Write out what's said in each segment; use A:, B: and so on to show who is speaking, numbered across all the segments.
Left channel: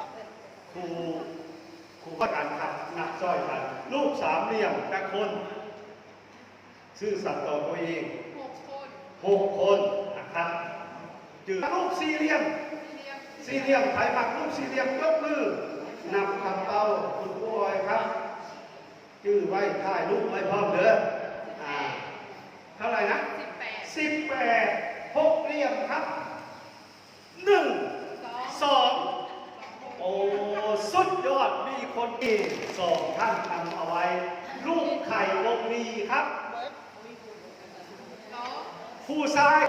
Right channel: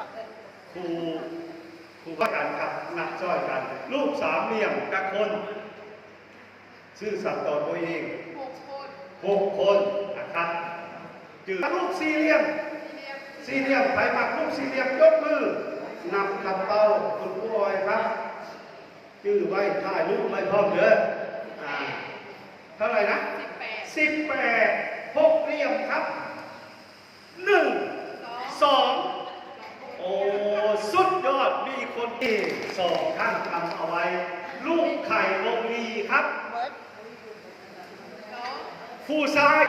A: ะ
B: ครูครูก็กันครับนับซ้อยกัน รูปสามเหลี่ยมกับคนซื่อสัตย์ต่อตัวเอง
C: หกคน
B: หกคนนะครับจือรูปสี่เหลี่ยม
C: เรียง
B: สี่เหลี่ยมใครปักรูปสี่เหลี่ยมยกมือนำคำเตาคุณผู้บอยครับจื้อไว้ถ่ายรูปไว้พร้อมเด้ออ่าเท่าไหร่นะ
C: สิบแปด
B: สิบแปดหกเหลี่ยมครับหนึ่ง
C: สอง
B: สองโอ้สุดยอดมี คนที่สองท่านทำเอาไว้ ลูกไข่วงลีครับ
A: เบิร์ด
C: สอง
B: ผู้ชาย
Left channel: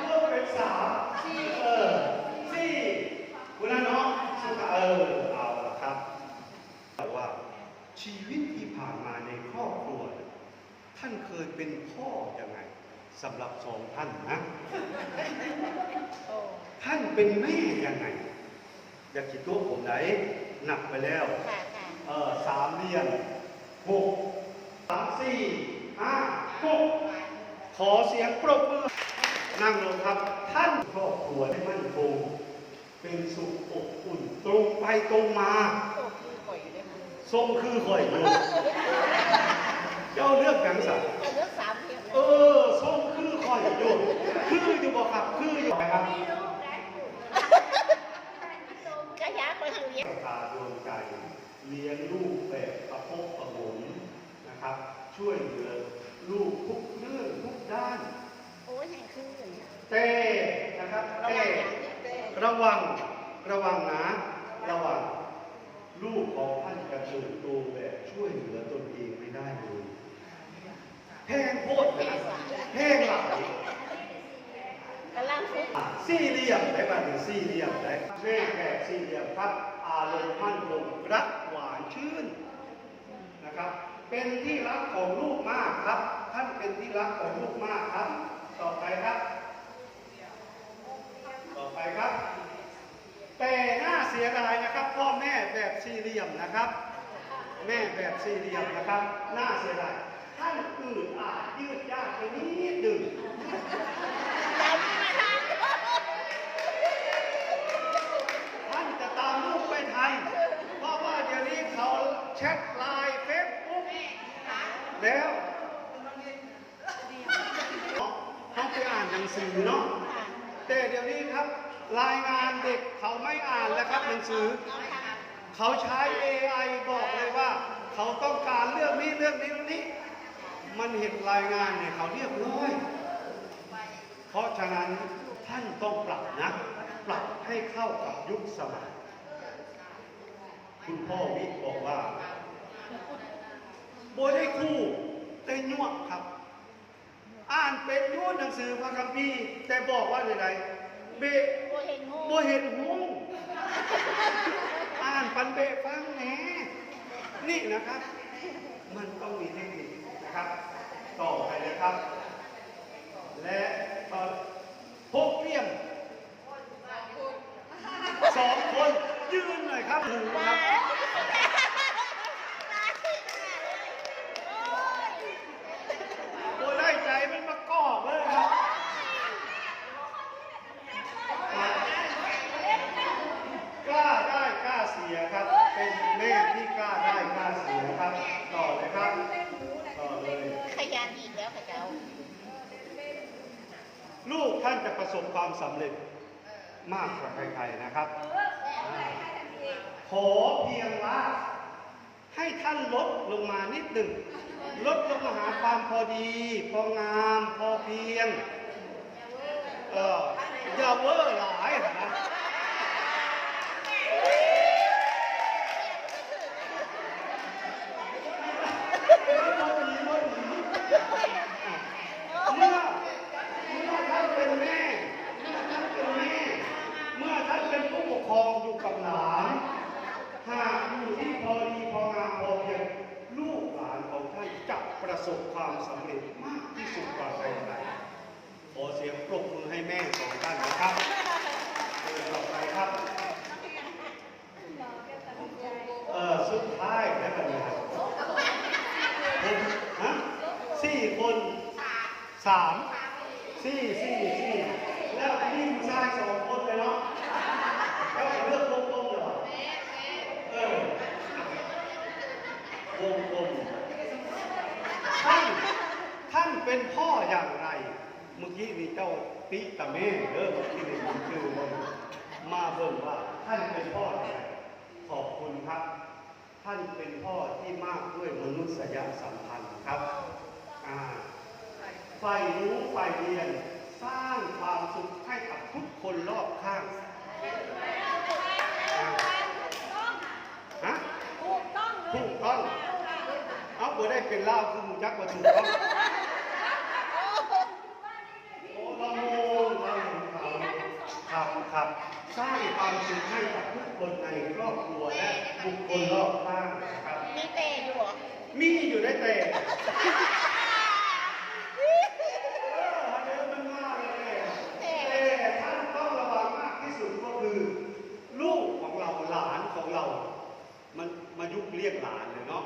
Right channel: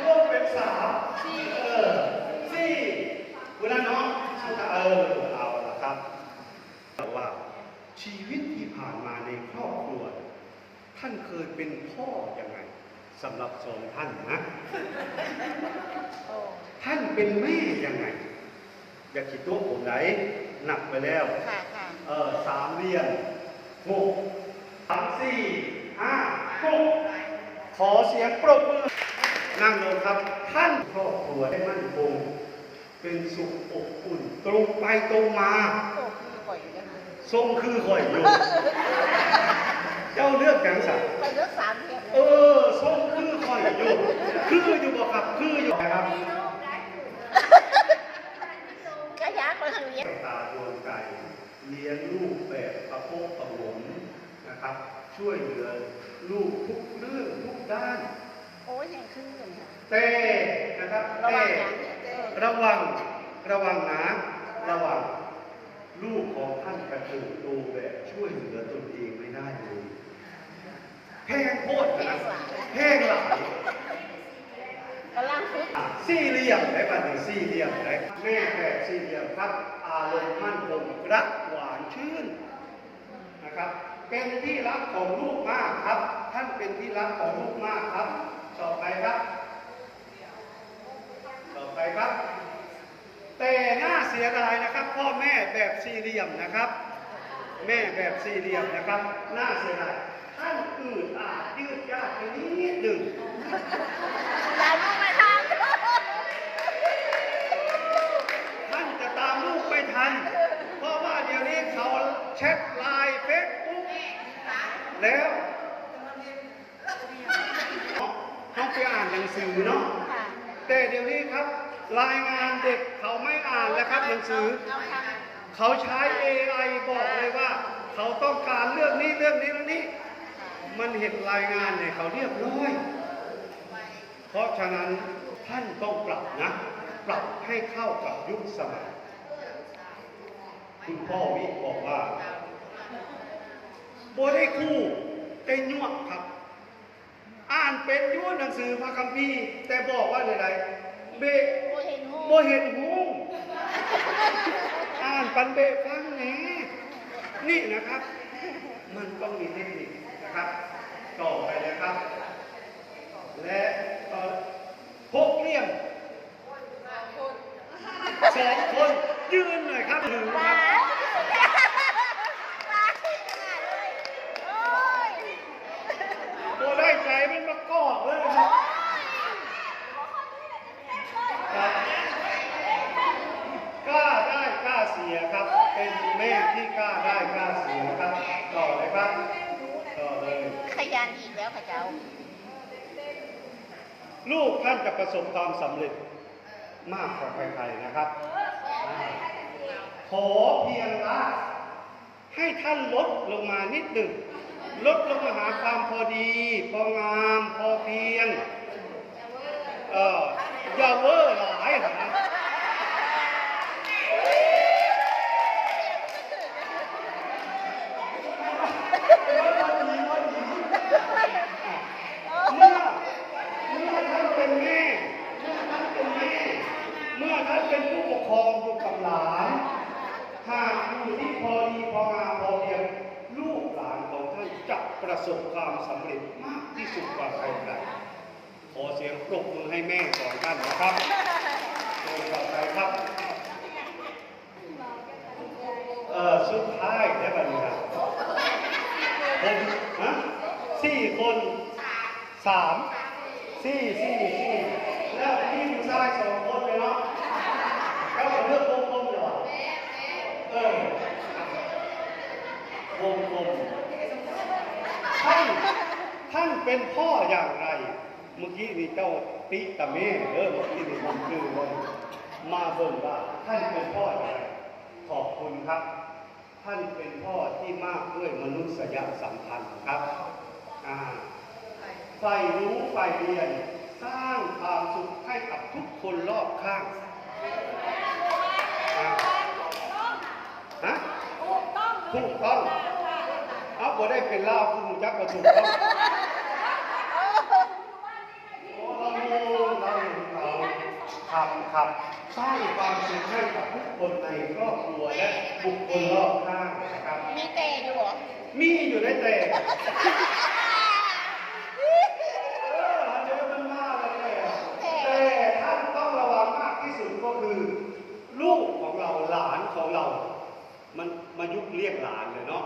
B: รวมเป็นสามเออสี่คุณน้าน้องสุดท้ายเออเอาละครับแต่ว่าชีวิตที่ผ่านมาในครอบครัว ท่านเคยเป็นพ่อยังไงสำหรับสองท่านนะ
A: โอ้
B: ท่านเป็นแม่ยังไง อย่าคิดตัวผมไหน หนักไปแล้ว
A: ค่ะค่ะ
B: เออสามเหลี่ยมหกสามสี่ห้าหกขอเสียงปรบมือ นั่งลงครับ ท่านครอบครัวได้มั่นคง เป็นสุขอบอุ่น ตรงไปตรงมา
A: โอ้คือปล่อยอยู่เลยค่ะ
B: ทรงคือข่อยอยู่ เจ้าเลือกจังสัน
A: ไปเลือกสามเพียง
B: เออทรงคือข่อยอยู่ คืออยู่บ่ครับ คืออยู่ครับ
A: กระยาก็คือเย็บ
B: ตาดวงใจ เลี้ยงลูกแบบประพบประหงมนะครับ ช่วยเหลือลูกทุกเรื่องทุกด้าน
A: โอ้ยแห่งคือเลยค่ะ
B: แต่นะครับ
A: ระวั
B: แต่
A: งอย่างเออ
B: ระวังระวังนะระวังลูกของท่านกระเติบโตแบบช่วยเหลือตนเองไม่ได้เลยแพงโคตรนะครับแพงหลาย
A: กำลังฝึก
B: สี่เหลี่ยมได้บ้างหนึ่งสี่เหลี่ยมได้แม่แบบสี่เหลี่ยมครับอารมณ์มั่นคงรักหวานชื่นนะครับ เป็นที่รักของลูกมากครับ ท่านเป็นที่รักของลูกมากครับ ต่อไปครับ ต่อไปครับ แต่น่าเสียดายนะครับ พ่อแม่แบบสี่เหลี่ยมนะครับ แม่แบบสี่เหลี่ยมนะครับ น่าเสียดายท่านอื่นอาจยืดยาดไปนิดหนึ่ง
A: ทัน
B: เพราะว่าเดี๋ยวนี้เขาแชทไลน์เฟซบุ๊กแล้วเขาไปอ่านหนังสือเนาะแต่เดี๋ยวนี้ครับ รายงานเด็กเขาไม่อ่านแล้วครับหนังสือ
A: เอาทาง
B: เขาใช้ AI บอกเลยว่า เขาต้องการเรื่องนี้เรื่องนี้เรื่องนี้ มันเห็นรายงานเนี่ยเขาเรียบร้อยเพราะฉะนั้นท่านต้องปรับนะ ปรับให้เข้ากับยุคสมัย คุณพ่อวิบอกว่าโบได้คู่เป็นยวกครับ อ่านเป็นยวกหนังสือพระคัมภีร์แต่บอกว่าอะไรเบะ
A: โบ
B: เห็นหูอ่านปันเบะฟังแหนนี่นะครับ มันต้องมีเทคนิคนะครับ ต่อไปเลยครับ และต่อหกเลี่ยม
C: สอง
B: สองคน ยืนหน่อยครับหนึ่งค
A: ว้า
B: รับ
A: ว้าขึ้นขนาดเลยโอ้ย
B: ตัวได้ใจมันมากอกเลยครับกล้าได้กล้าเสียครับ เป็นแม่ที่กล้าได้กล้าเสียครับต่อเลยครับต่อเลย
A: ขยันอีกแล้วค่ะเจ้า
B: ลูกท่านจะประสบความสำเร็จมากกว่าใครๆนะครับ อเพียงว่า ให้ท่านลดลงมานิดหนึ่ง ลดลงมาหาความพอดี พองาม พอเพียง เอออย่าเวอร์หลายนะครับเมื่อเมื่อท่านเป็นแม่เมื่อท่านเป็นแม่ เมื่อท่านเป็นผู้ปกครองอยู่กับหลาน หากอยู่ที่พอดีพองามพอเพียง ลูกหลานของท่านจะประ สบความสำเร็จมากที่สุดกว่าใครๆขอเสียงปรบมือให้แม่สองท่านนะครับเชิญต่อไปครับเอ่อสุดท้ายได้ไหมครับผมฮะสี่คนสามสี่สี่สี่แล้วพี่ผู้ชายสองคนเลยเนาะแล้วก็เลื เป็นพ่ออย่างไร เมื่อกี้มีเจ้าติตะเมเออเมื่อกี้มีคนชื่อว่ามาบ่นว่าท่านเป็นพ่ออย่างไรขอบคุณครับ ท่านเป็นพ่อที่มากด้วยมนุษยสัมพันธ์ครับอ่าใฝ่รู้ใฝ่เรียน สร้างความสุขให้กับทุกคนรอบข้างอ่าฮะ
A: ถูกต้อง
B: ถูกต้องเอาบ่ได้เป็นเล่าคุณจักว่าถูกต้องโอ้เราเราเราครับครับสร้าง ความสุขให้กับทุกคนในครอบครัวและบุคคลรอบข้างนะครับ
A: มีเตะอยู่เหรอ
B: มีอยู่ในแต่เออเดี๋ยวมันมากเลยแต่ท่านต้องระวังมากที่สุดก็คือ ลูกของเราหลานของเรา มันมายุคเรียกหลานเลยเนาะ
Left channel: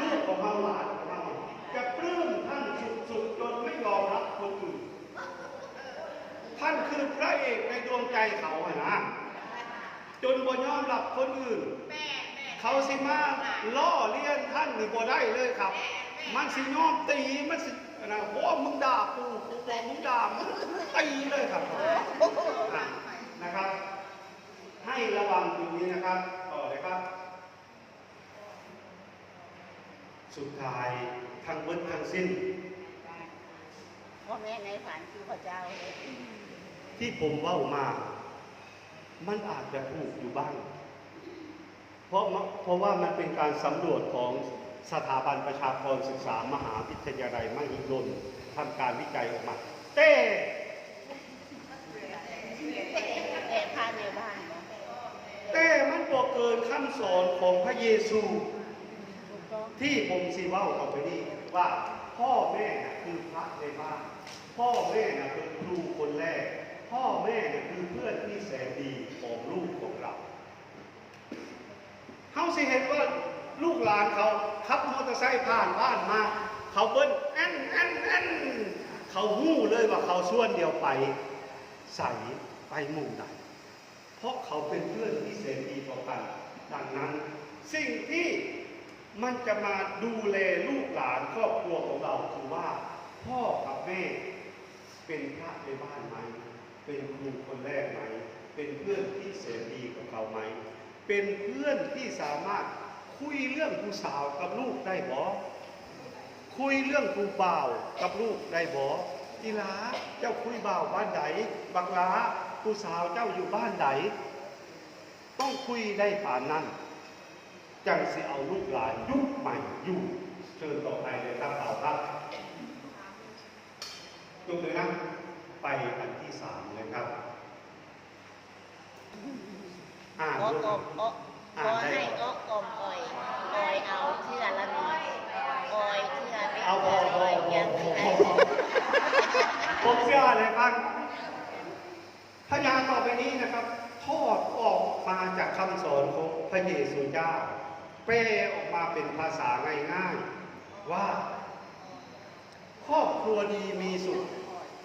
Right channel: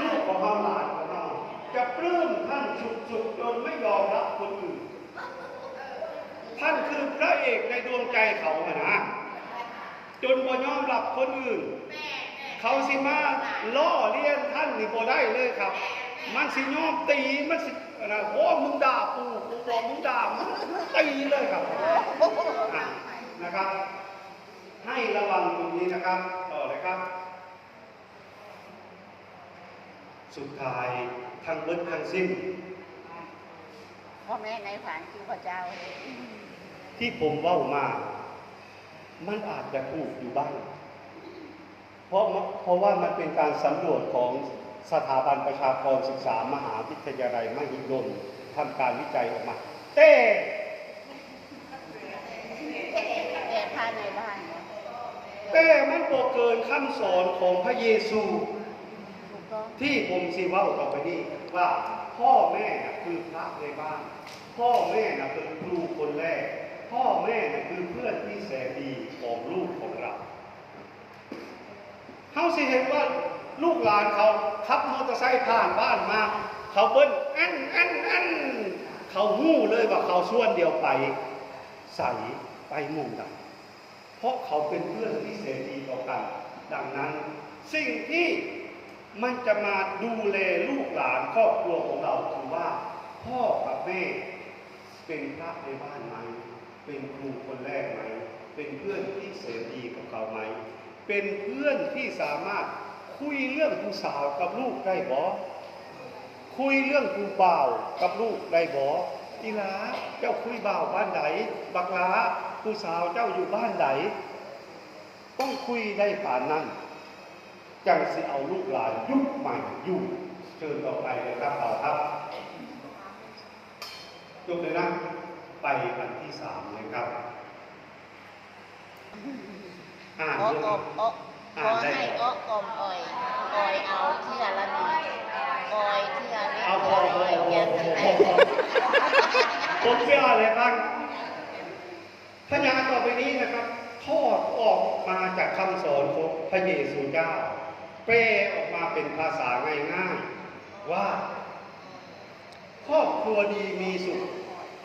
B: ลูกของเราหลานของเราจะปลื้มท่านสุดๆจนไม่ยอมรับคนอื่นท่านคือพระเอกในดวงใจเขาอะนะ จนบ่ยอมรับคนอื่น เขาสิมาล่อเลียนท่านนี่บ่ได้เลยครับ มันสิยอมตีมันสินะโอ้มึงด่ากูกูบอกมึงด่ามึงตีเลยครับนะครับ ให้ระวังตรงนี้นะครับต่อเลยครับ สุดท้ายทั้งเบิดทั้งสิ้น
A: พ่อแม่ในฝันคือพระเจ้า
B: ที่ผมเว้ามา มันอาจจะถูกอยู่บ้าง เพราะเพราะว่ามันเป็นการสำรวจของสถาบันประชากรศึกษามหาวิทยาลัยมหิดลทำการวิจัยออกมาแต่
A: แต่ภายในบ้านเนาะ
B: แต่มันก็เกินคำสอนของพระเยซู ที่ผมสิเว้าต่อไปนี้ว่าพ่อแม่คือพระในบ้าน พ่อแม่เป็นครูคนแรก พ่อแม่น่ะคือเพื่อนที่แสนดีของลูกของเราเขาสิเห็นว่าลูกหลานเขาขับมอเตอร์ไซค์ผ่านบ้านมา เขาเบิ้ลแอนแอนแอนเขาหู้เลยว่าเขาส่วนเดียวไปใส่ไปมุ่งกันเพราะเขาเป็นเพื่อนที่เสรีต่อกัน ดังนั้น สิ่งที่มันจะมาดูแลลูกหลานครอบครัวของเราคือว่า พ่อกับแม่เป็นพระในบ้านไหม เป็นครูคนแรกไหม เป็นเพื่อนที่เสรีกับเขาไหม เป็นเพื่อนที่สามารถคุยเรื่องผู้สาวกับลูกได้บ่คุยเรื่องผู้บ่ากับลูกได้บ่อีลาเจ้าคุยเบาบ้านไหนบักลาผู้สาวเจ้าอยู่บ้านไหนต้องคุยได้ผ่านนั้นจังสิเอาลูกหลานยุคใหม่อยู่เชิญต่อไปเลยครับเอาครับยกเลยนะ ไปกันที่สามเลยครับอ่าน
A: อ้อ
B: ด้วย
A: ก
B: ค
A: อ
B: รับ
A: มอ้อขอให้อ้อกอมอ่อยอ่อยเอาเชื่อละหนึ่งอ่อยเชื่อเล็ก
B: เอาพอพอ
A: อ่อย
B: พอ
A: เยัง
B: พอ
A: ไง
B: ผมเชื่ออะไรบ้างพยานต่อไปนี้นะครับทอดออกมาจากคำสอนของพระเยซูเจ้าแปลออกมาเป็นภาษาง่ายๆว่า ครอบครัวดีมีสุข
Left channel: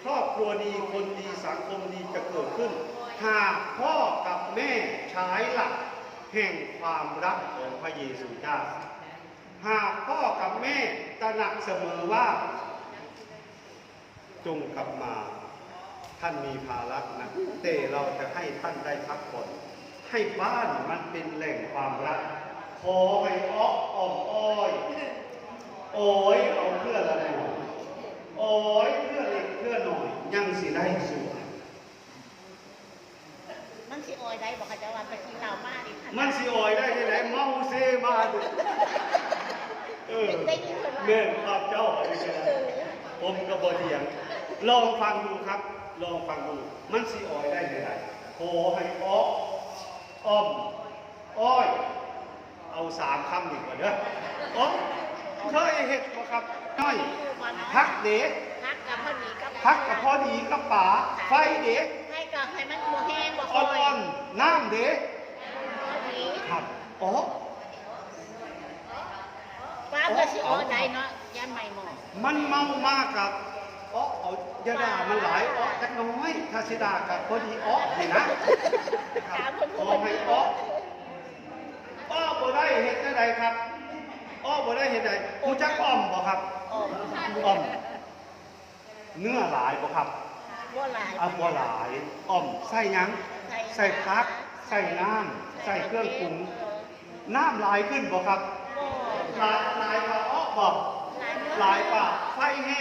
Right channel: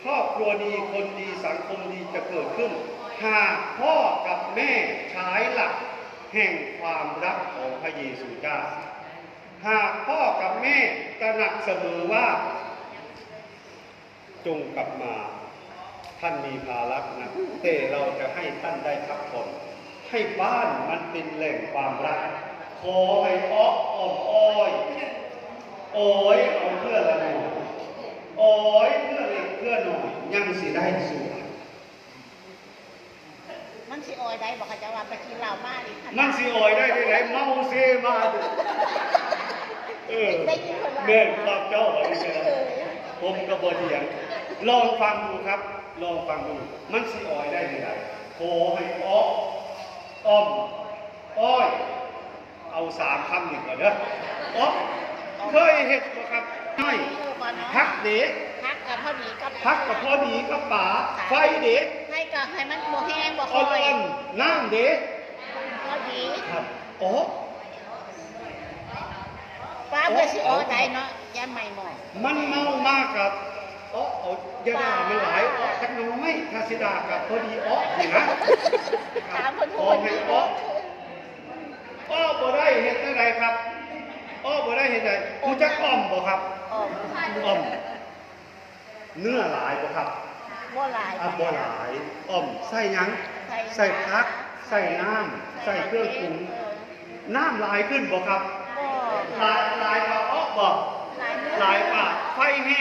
B: ครอบครัวดีคนดีสังคมดีจะเกิดขึ้น หากพ่อกับแม่ใช้หลักแห่งความรักของพระเยซูเจ้า หากพ่อกับแม่ตระหนักเสมอว่า จงกลับมาท่านมีภาระนะแต่เราจะให้ท่านได้พักผ่อนให้บ้านมันเป็นแหล่งความรักขอให้อ้ออ้ออ้อยโอ้ยเอาเพื่อละหน่อยโอ้ยเพื่อย สิได้สวย
A: มันสิอ่อยได้บอกเขาจะว่าไปกินเหล้ามาดิ
B: มันสิโอยได้ที่ไหนเมาเซมาดูเออ
A: ได้ยินคนว่า
B: เนื่องความเจ้าอะไรกันผมก็บ่เถียงลองฟังดูครับ ลองฟังดู มันสิออยได้ที่ไหนโทให้อ้ออ้อมอ้อยเอาสามคำดีกว่าเด้ออ้อมเคยเห็ดบ่ครับน้อยพักเด็ก
A: พั กกับพอดีกับ
B: พักกับพอดีกับป๋าไฟเด็ก
A: ให้กับให้มันบ่แห้งบ่ค
B: อ่
A: อย
B: อนๆน้ำเด็ก
A: พอดี
B: ครับอ๋อ
A: ป้าเพื่อสิอ่อได้เนาะย่าไม่หมอก
B: มันเมามากกับอ๋อเอาอย่าด่ามันหลายอ๋อจักน้อยถ้าสิด่ากับพอดีอ๋อนี่นะ
A: ถามคน
B: ข
A: พู
B: อ
A: ด
B: ให้อ๋ออ้อบ่ได้เห็ดได้ใดครับอ้อบ่ได้เห็ดใดกูจักอ้อมบ่ครับ
A: ออก
B: อ้อม เนื้อหลายบ่ครับ
A: บ่หลาย
B: อะบ่หลายอ้อมใส่หยัง
A: ใส่
B: ใส่พัก ใส่น้ำใส่เครื่องปรุงน้ำลายขึ้นบ่ครับ
A: บ่
B: ลายลายเขาออกบ่
A: หลายเนื้อ
B: ลายป่าไฟแห้ง